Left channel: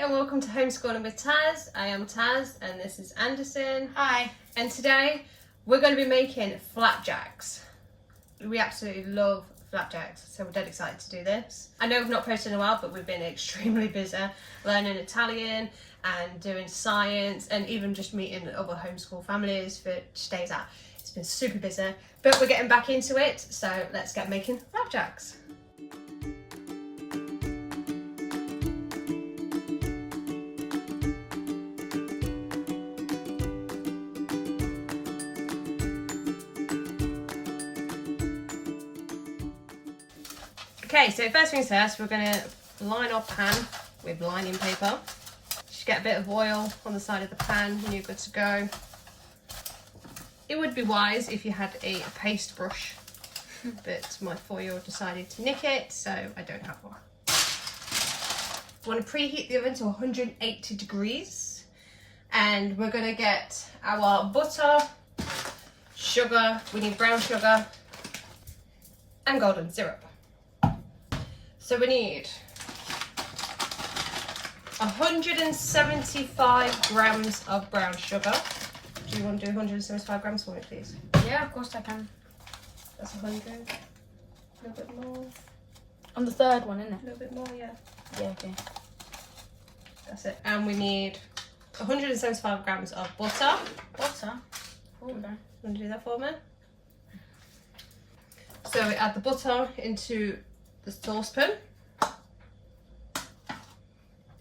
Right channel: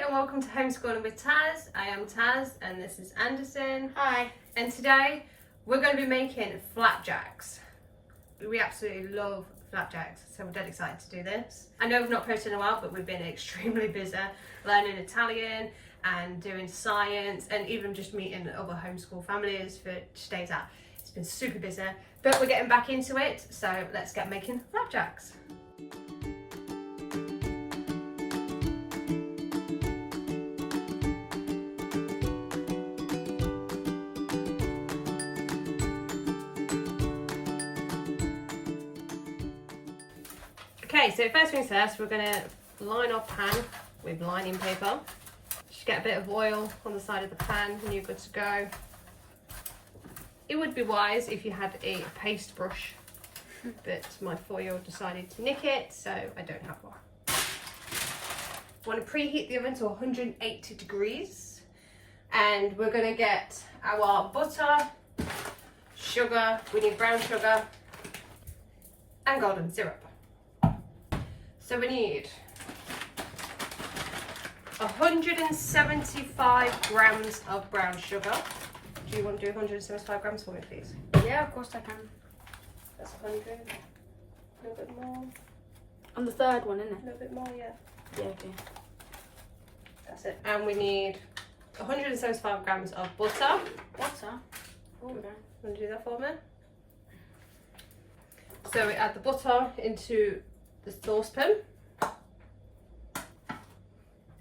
and welcome to Homeschooling with Taz. I am Taz and this is Anderson. Hi. And today we're going to be making flapjacks. We absolutely love flapjacks, so we're dead excited to do this. I know we've not posted in a while, but we've been extremely busy learning Italian and doing science and even just meeting other homeschool families for days out. It's been super busy, but we're getting back into it, so let's get making flapjacks. Okay, so first things first, we're going to line our pan with lining paper. Just get a bit of oil on the side of the pan and you're good to go. It would be wise if you had a paste brush, but my 4-year-old decided to nick it, so I don't have one. I want to preheat the oven to 180 degrees and we're going to get our butter, sugar, we need brown sugar and golden syrup. So we need 175 grams of brown sugar. Do you want to do 175 grams for me, please? Yeah, of course I can. That's 100. A little bit more. On the third one, isn't it? A little bit more, yeah. Yeah, okay. That's it. And we need 175 grams of butter. Butter? Okay. Want to do that for me? So we add the butter into the saucepan.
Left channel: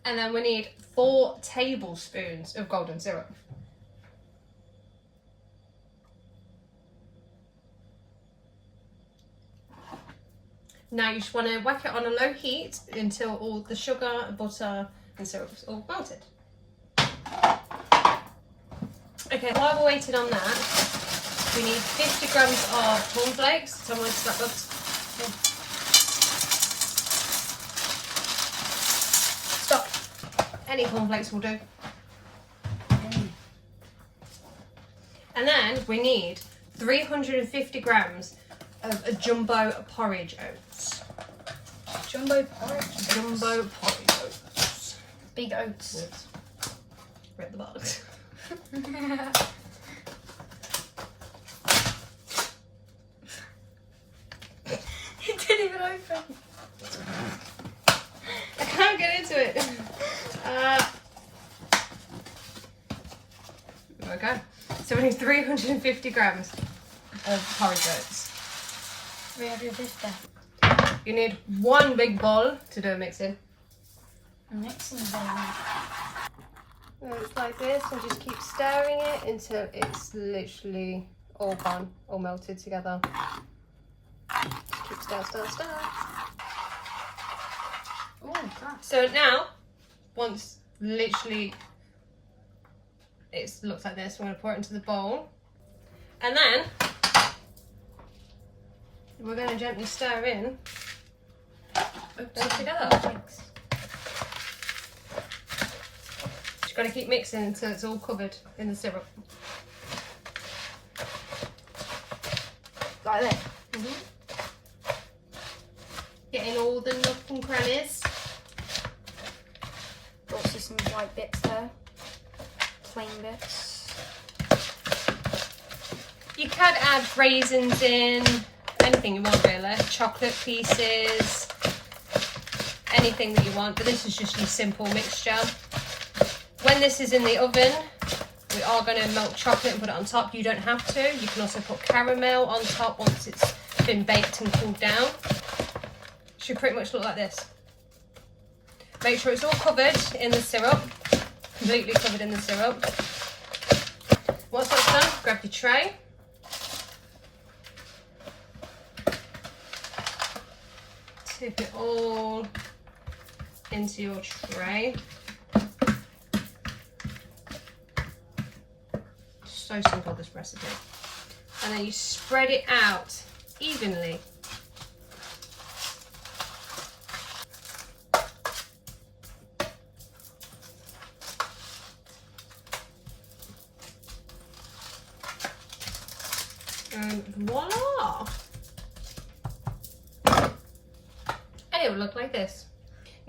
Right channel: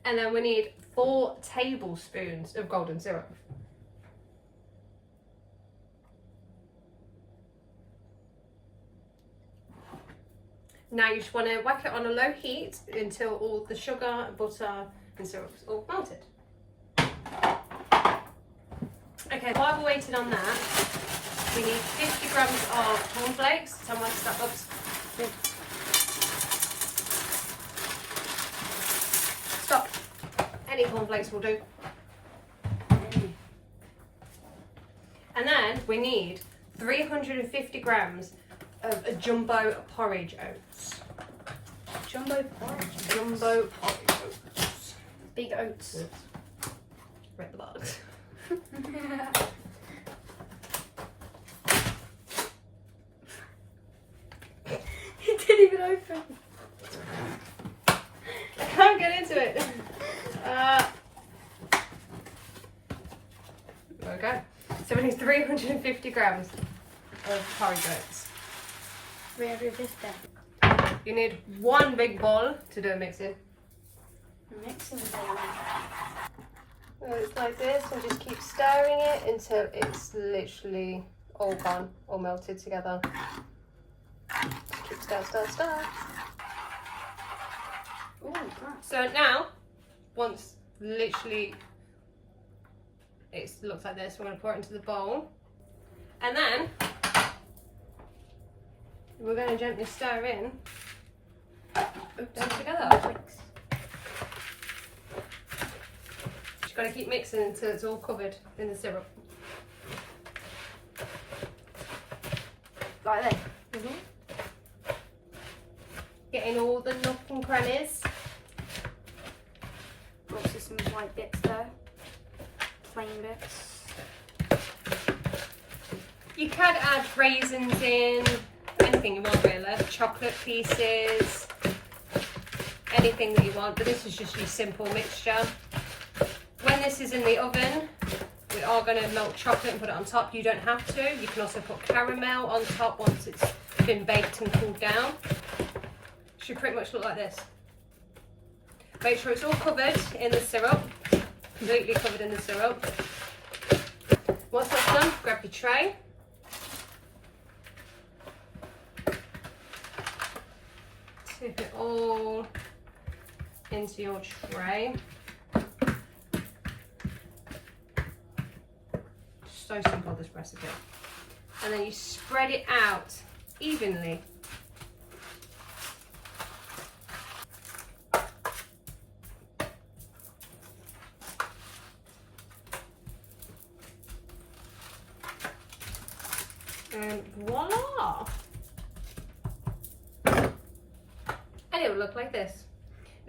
And then we need 4 tablespoons of golden syrup. Now you just want to whack it on a low heat until all the sugar, butter and syrup is all melted. Okay, while we're waiting on that, we need 50 grams of cornflakes. Tell me where to start, Bubs. Stop. Any cornflakes will do. And then we need 350 grams of a jumbo porridge oats. Jumbo porridge? Jumbo porridge oats. Big oats. Read the box. It didn't even open. I can't get into it. Okay. So we need 350 grams of porridge oats. 350. You need 1 big bowl to do a mixing. Mixing bowl. It's like this, and just keep stirring it until it's literally all gone, all melted together. Just keep stir. Ooh, nice. So now, once literally it looks like this, we're going to pour it into the bowl. And then we're going to gently stir in them together. Just got to keep mixing until it's all covered in the syrup. Like that? Getting all the nook and crannies. Also some white bits there. Plain bits. You can add raisins in, anything you want really, chocolate pieces, anything that you want, but this is just your simple mixture. When this is in the oven, we are going to melt chocolate and put it on top. You don't have to. You can also put caramel on top once it's been baked and cooled down. Should pretty much look like this. Make sure it's all covered in the syrup, completely covered in the syrup. Once that's done, grab your tray. Tip it all into your tray. So simple, this recipe. And then you spread it out evenly. And voila! And it will look like this.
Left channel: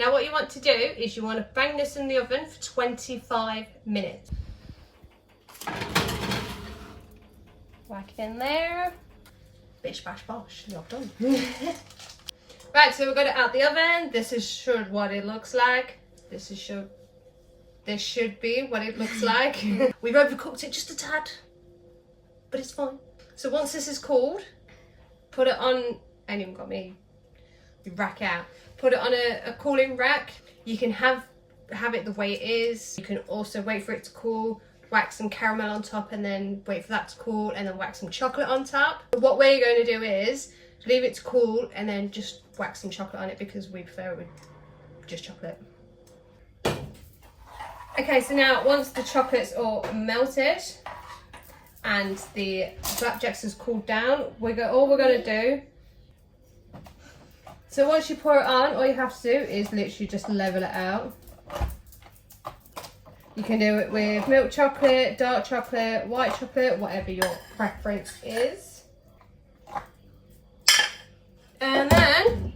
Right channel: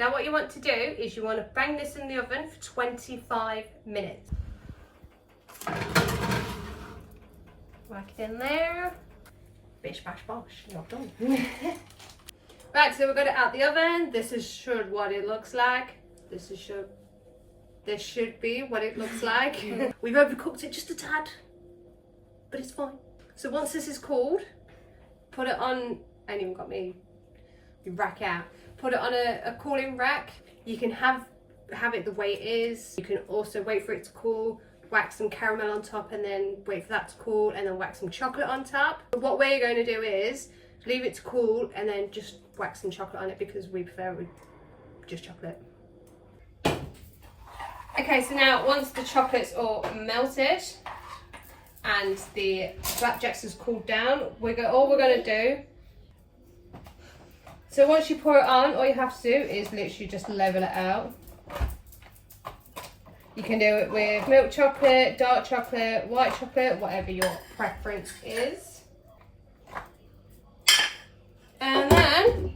Now what you want to do is you want to bang this in the oven for 25 minutes. Whack it in there. Bish bash bosh, you're done. Right, so we've got it out the oven. This is what it looks like. This should be what it looks like. We've overcooked it just a tad, but it's fine. So once this is cooled, put it on, I ain't even got me rack out. Put it on a cooling rack. You can have it the way it is. You can also wait for it to cool, whack some caramel on top, and then wait for that to cool, and then whack some chocolate on top. What we're going to do is leave it to cool and then just whack some chocolate on it, because we prefer it with just chocolate. Okay, so now once the chocolate's all melted and the flapjacks has cooled down, all we're going to do, so once you pour it on, all you have to do is literally just level it out. You can do it with milk chocolate, dark chocolate, white chocolate, whatever your preference is. And then,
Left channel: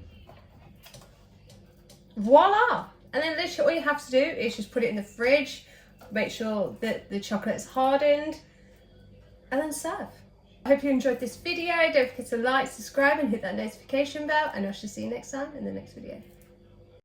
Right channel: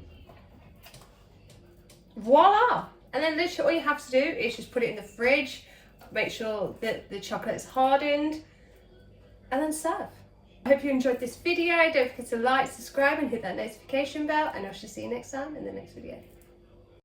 voila! And then literally all you have to do is just put it in the fridge, make sure that the chocolate's hardened, and then serve. I hope you enjoyed this video. Don't forget to like, subscribe, and hit that notification bell, and I shall see you next time in the next video.